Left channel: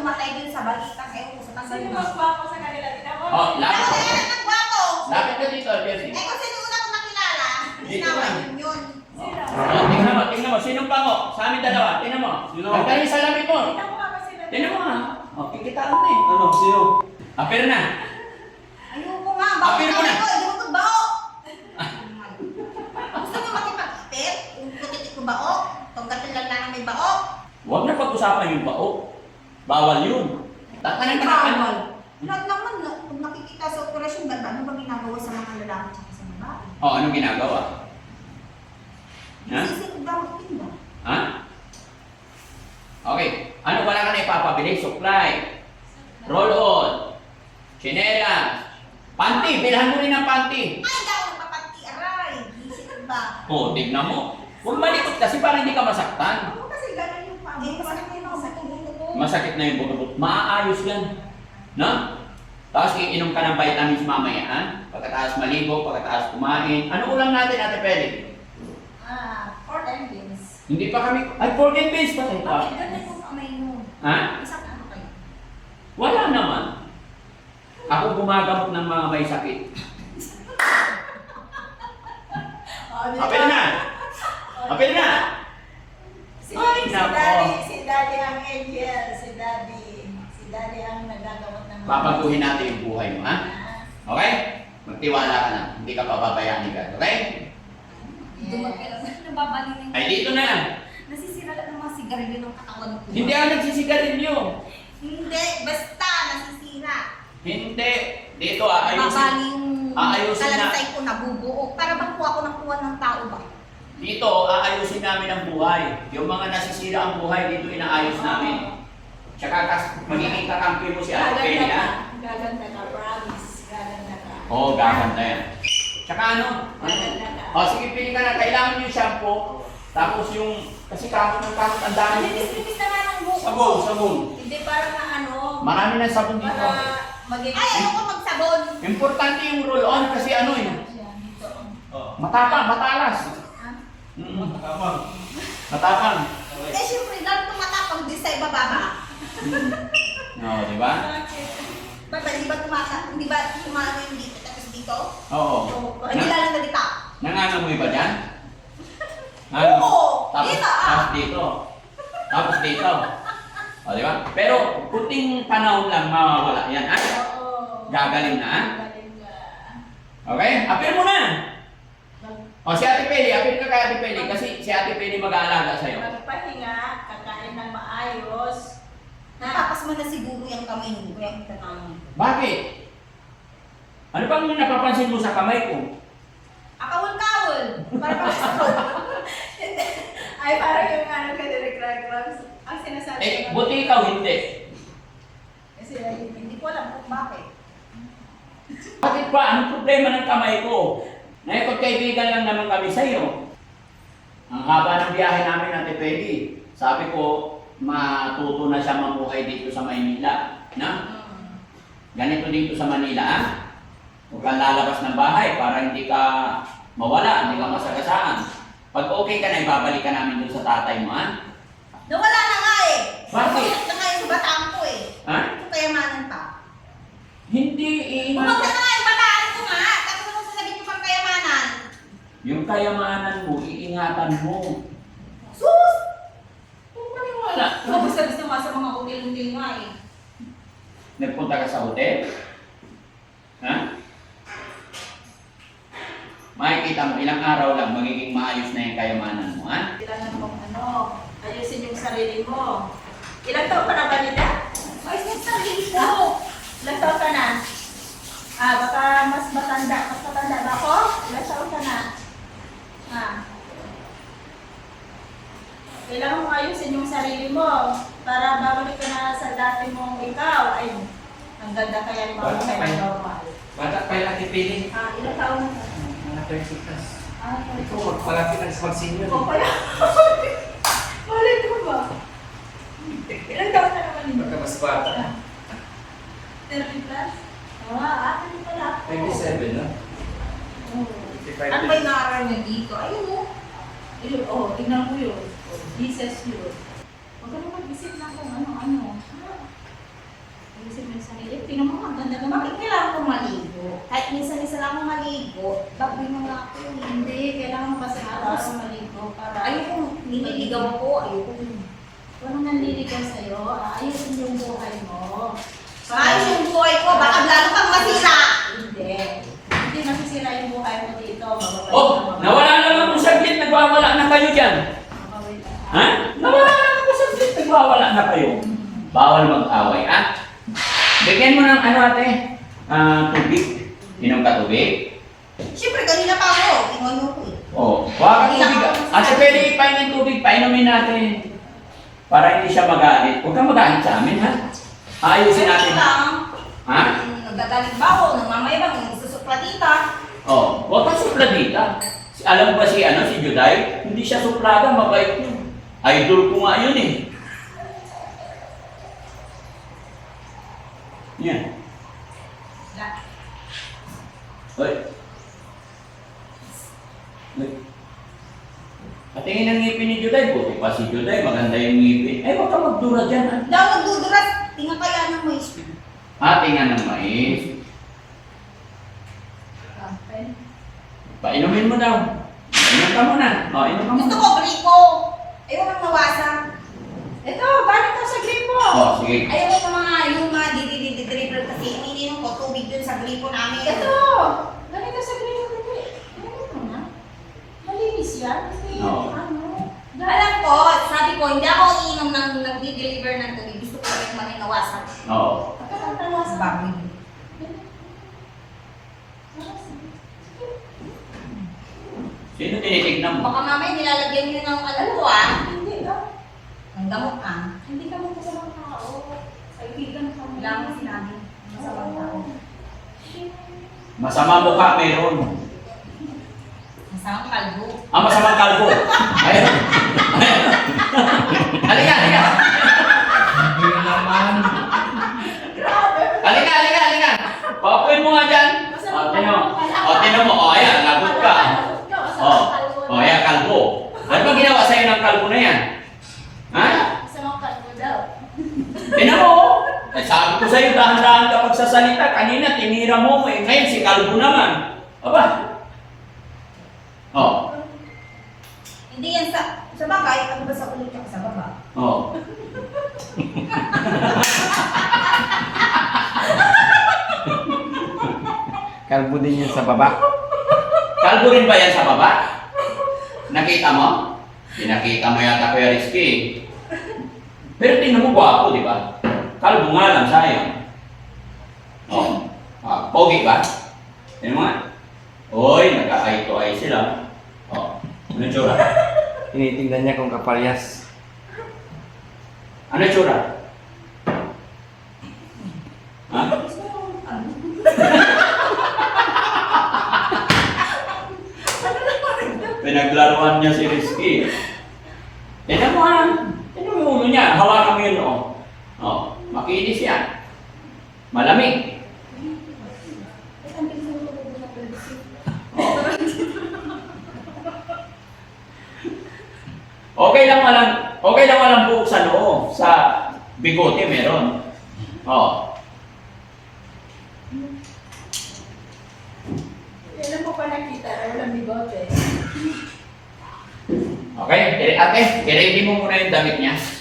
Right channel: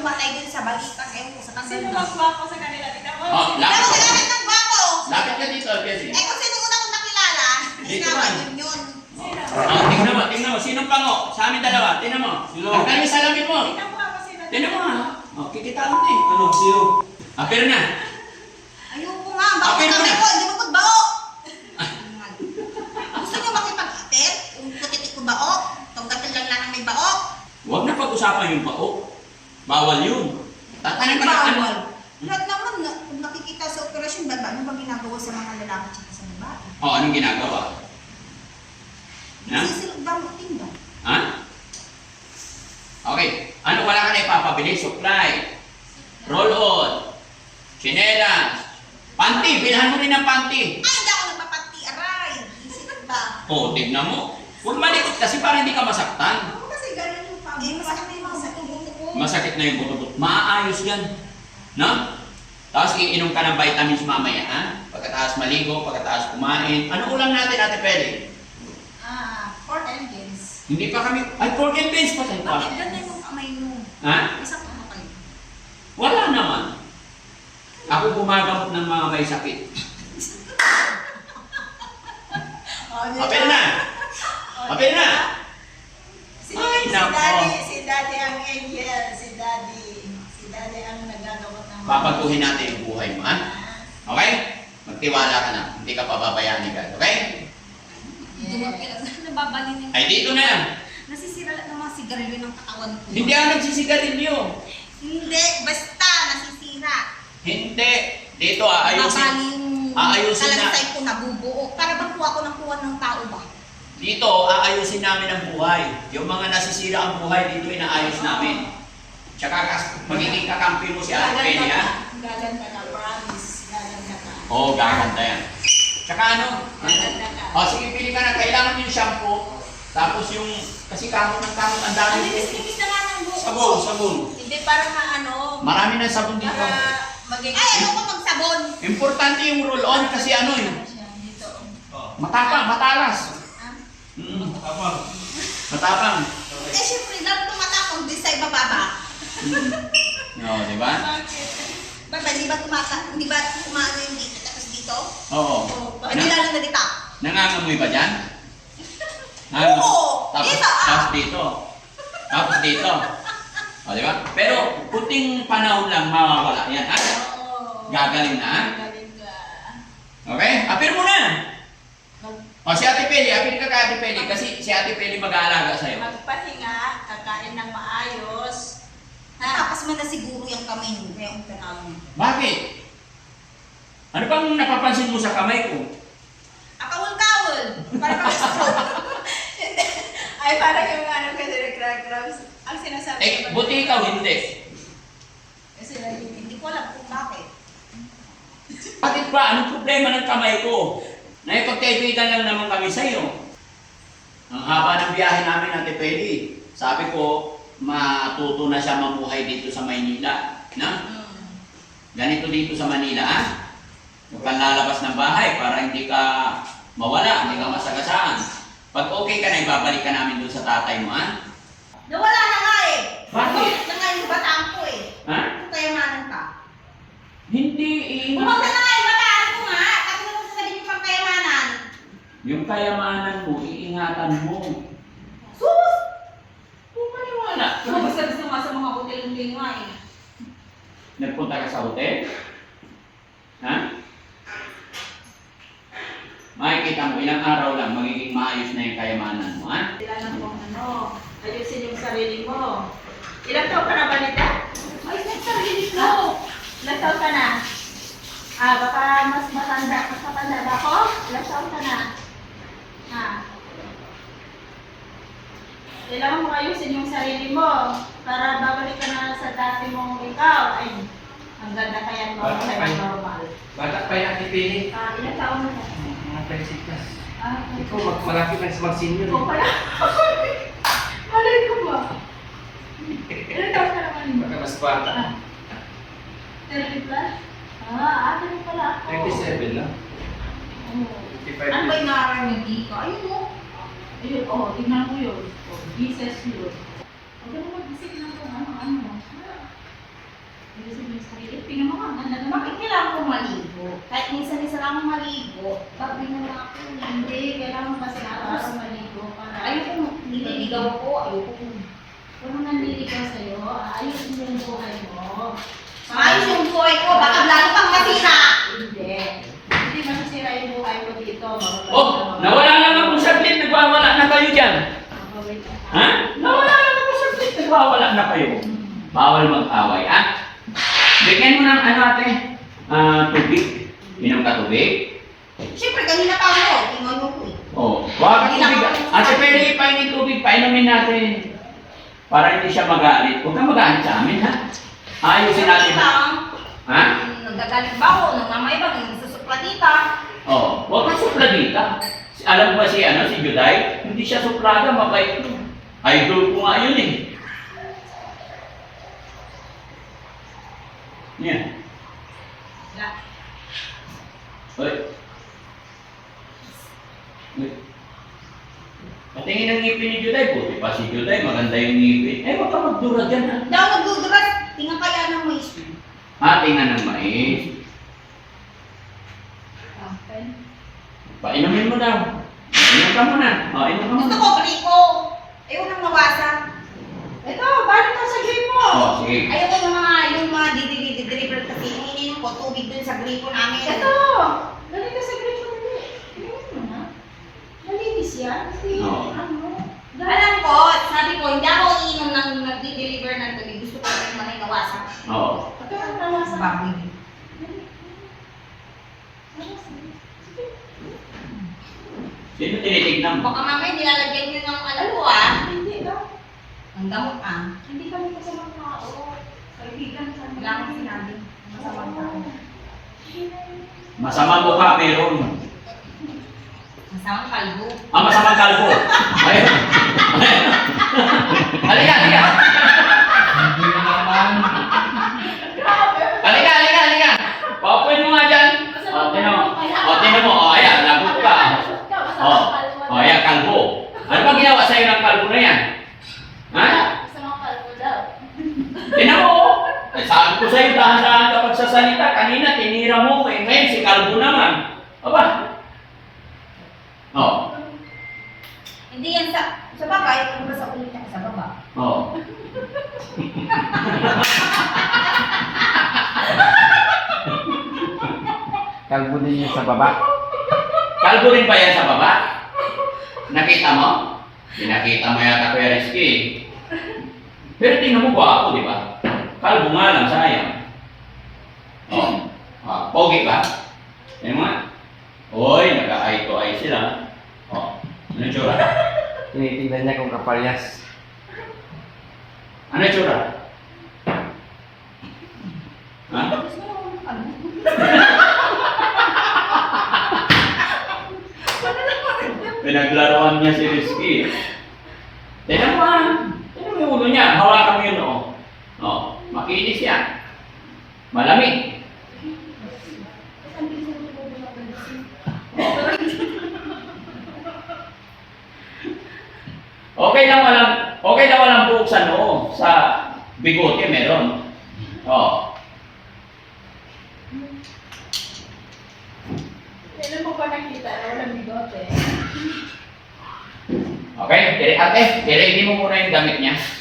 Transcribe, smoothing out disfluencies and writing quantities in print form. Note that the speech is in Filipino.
pumatay din sa balikas. Sa Sino magwapo sa kanila? Tingnan mo. Oh, lapit ka. Ako ng gwapo. Lapit ka dito, Jesse. Kung sino una kong nakilala, Dito ginawa man. yun. Sino? Oh, tingnan mo. Sinong pango? Sa amin dalawa. Tingnan mo. Sino? Ang galing sa salamin mo. Tingnan mo nga ba sila? Tingnan mo nga. Oh, kikitaan mo eh. Ano? Sino? Apir na. Ayoko nga, bako Apir mo kami na. ko, hindi mo bao. Gusto niyo makipag-apir? Kung putit ko bao, tunggatil lang lang ang may bao. Huwag na pag-usapan yung bao. Bawal yun. Tatanan ka na. Bawal. Lahat naman, kung nakikita sa operasyon, ano ba ginagawa sa mga lalaki at sa babae? Oh, anong ginagawa? Ha? Sisilog damot tinda. Ha? Okay. Ano wala ka na ipapabili? Supply. Roll on. Chinelas. Panty. Bilhan mo rin ng panty. Ay, hindi ako nagpapati, aray. Sisilog ba? Oh, tignan mo. Huwag malikot kasi para hindi ka masaktan. Ako kasi gano'n yung pamo. Masakit na yung mga buto-buto ko. Masakit na yung buto-buto. Maaayos yan. No? Tapos iinom ka ng vitamins mamaya, ha? Pagkatapos maligo, pagkatapos kumain. Ano ulam natin, Ate Peli? Pork and beans. Hindi pa kami... Ay, pork and beans pa tayo pa. Bakit ganun yung kamay mo? Ha? Isang ano kayo? Wala naman. Ako gumagamot ng mga may sakit. Apel na! Apel na! Ay, nako. Si Daddy ang angel. Si Daddy ang nagagamot ng mga... Papaguhin natin yung buhay mo, ha? Ah, Okay? Magtiwala ka na. Hindi ka pababayaan ni God. Okay? Nababalinin. Ay, dito na lang. Nasisira lang ng mga sigarilyo ng katawan ko. Hindi ako nagsisigarilyo. Hindi, basta nasisira. Hindi. Dito, aayusin. Mabali yung Aayusin na. talansay ko nabubuo. Para bang kuha ko ng kuha ng tao ba? Dito, aayusin namin ang buhay. Yung mga nasisira ang buhay, dito inaayos namin. Tsaka magiging kakampi mo si Ate Peli, ha? Gaganda ka, promise. Gaganda ka. Oo, gaganda yan. Tsaka ano? Gaganda ka. O, sige, pili ka na. Kailangan yung shampoo. Tapos yung, kasi kamot ng kamot, ang dami. Linis-linis na nga ng buko. Sabon, sabon. Hindi para maano, Marami ng sabon dito. para magiging... Ay, ano ko magsabon? Importante yung roll-on kasi ano eh. Dito. Oh. Matapang, matalas. Ah? Tama. Matapang. Eh, syempre, lalo tumatapang din sa ibababa. Oo, di ba? Bakit? Baba, hindi ba kumano yung dito tapos dito? Oo. Hindi lang na dito. Nangangamoy ba dyan? Oo, Tapos, dito, ah. tapos dito. Tapos dito. O, di ba? Pero, puting panahon lang mawawala yan, ha? Oo. Gagaling na, ha? Galing ka. Okay? Apir mo na! O, si Ate Peli, apir ka kay Ate Peli kasi si Ate Peli mag-aalaga sa'yo. Magpahinga, kakain ng maayos. Tapos mo na siguro yung kamay mo, kaya ang tanawin. Bakit? Ano bang napapansin mo sa kamay ko? Akawal-kawal! Para pang stroke. Ay, parang yung ano ka direct clubs. Ang sinasabi Eh, buti ikaw hindi. Kasi Hindi ko alam kung bakit. Bakit ba? Anong problema ng kamay ko? Naipagkaibigan lang naman kami sa'yo. Ang haba ng biyahe namin, Ate Peli. Sabi ko, matuto na siya mamuhay dito sa Maynila. Na? Ganito dito sa Manila, ha? Huwag kang lalabas ng bahay para hindi ka mawala, hindi ka masagasaan. Pag okay ka na, ibabalik ka namin doon sa tatay mo, ha? Nawala na nga eh! Bakit? Na nga yung bataan ko eh. Ha? Kung kayamanan pa. Hindi, Umawala na nga yung bataan ko nga! Tapos ano sasabihin yung pang kayamanan? Yung kayamanan mo, iingatan mo. Sus! Kung maniwala. Basta gusto nga sa mga hotel-hotel nga eh. Nagpunta ka sa hotel? Ha? Makikita mo, ilang araw lang, magiging maayos na yung kayamanan mo, ha? Kailangan mong ano, ayusin yung sarili mo. Ilang taon ka na ba, Nita? Ayos na yung sarili ko! Ilang taon ka na? Ah, baka mas matanda ba ako? Ilang taon ka na? Ah. Kailangan mo ayusin yung sarili mo para babalik ka na sa dati mong ikaw. Ay, ang ganda kaya mo Bata pa yun. normal. Bata pa yung Ate Peli. Ah, ilang taon na ka? Mga 36 plus. Ah, Ikaw, magpalaki na sa mag-senior. ikaw pala. Malay ko ba? Ilang taon na naman yun? Baka mas bata. Ah. 30 plus? Ah, ate rin pala ako. 37 na. Oo. 55 Ano ba yung nakaroon niya dito? Ayun o. Ayun, oh, tingnan ko yun. Oh, Jesus yun. Huwag ka na mag-isip ng kung ano-ano. araw-araw maligo para... Ayoko, nililigaw ako. Ayoko. Walang nanliligaw sa'yo, ayusin yung buhay mo. Maayos yung buhay ko. Baka lalo pang masira. Hindi. Hindi masisira yung buhay mo dito. Oh, nawala lang ako saglit, nagwawala na kayo dyan. Ha? Nawala lang ako saglit, nagwawala na kayo. Bawal mag-away, ha? Bigyan mo ng ano ate, tubig. Inom ka tubig. Siyempre, kanina pa ako. Ingon mo ko eh. Oh, huwag kang tubig. Ate, pwede ipainin tubig, painumin natin. Para hindi siya magalit. Huwag kang magalit sa amin, ha? Ayusin natin. Ha? Nagagalit ba ako? Namamayabang, nagsusuplatita. Oh, huwag kang supladita. Alam ba si Juday? Hindi siya suplada, mabait ko. Idol ko nga yun eh. Yan. Hoy. Hoy. Patingin ang ngipin ni Juday. Buti pa si Juday, maganda yung ngipin. Eh, huwag ka magdura dyan, ha? Daw nagduduras. Tingnan kaya ng mais. Tingnan ng mais. Painumin mo daw. Inom ka muna. O, inom ka Gusto muna. ko, griko. Ayoko nang mawasan. Ito, balik mo sa green mo. O, sige. Ayoko yung mga deliver kasi ininom ko tubig dun sa gripo namin. Ito, balik ka sa green mo. Tingnan mo na. Malinis yan. Hindi, Oo. ano. Alam ko, sabi ko, hindi ako iinom ng nagdi-deliver ng tubig. Gusto ko rin maninawasan. Oo. Pagkakatawa sa... Baboy. Sino tinitignan mo? Baka mamaya nilalagyan nyo ng alam ko Hindi daw. ng gamot Hindi kami kasamang tao. Kaibigan kami. Wala akong sinabi. Masamang tao. Masamang mukha meron. Masamang kalbo. Masamang kalbo. Ayun. Halika, halika. Hindi naman. Halika. Papuin mo nga dyan. Tinan mo. Ayan, lagot ka. Ayan, kalbo. Ano bang ginawa sa'yo ng kalbo na yan? Ha? Kasamang kalbo daw. Tinan mo. Sabi ko sa'yo, dahan-dahan ka pagsasalita. Kanina, tinira mo. Ngayon, si kalbo naman. Aba. Hindi yan sa bagay, ano ba sa ulo tsaka sa baba? Kalbo din yan sa baba. Kalbo rin ba yan sa baba? Nakita mo? Pinakita mo yata Kuya Rizky. Pero tingnan mo gwapo, di ba? Kalbo nga lang, sayang. Pogi ka? Tingnan mo nga. Oy, nagka-eye to eye sila. Ano yung tsura? Tinitingnan niya kung kaparyas. Ano yung tsura? Ha? Pinaglaruan niya si Rizky. Tingnan mo ha. Tingnan mo yung ulo niya. Hawakan mo yun makinis yan. Malamig. Okay lang walang buhok sa noo. Sa bigote meron. Kailan mo pa nakita na walang bigote? Okay, ate, i-ready mo muna yung damit niya.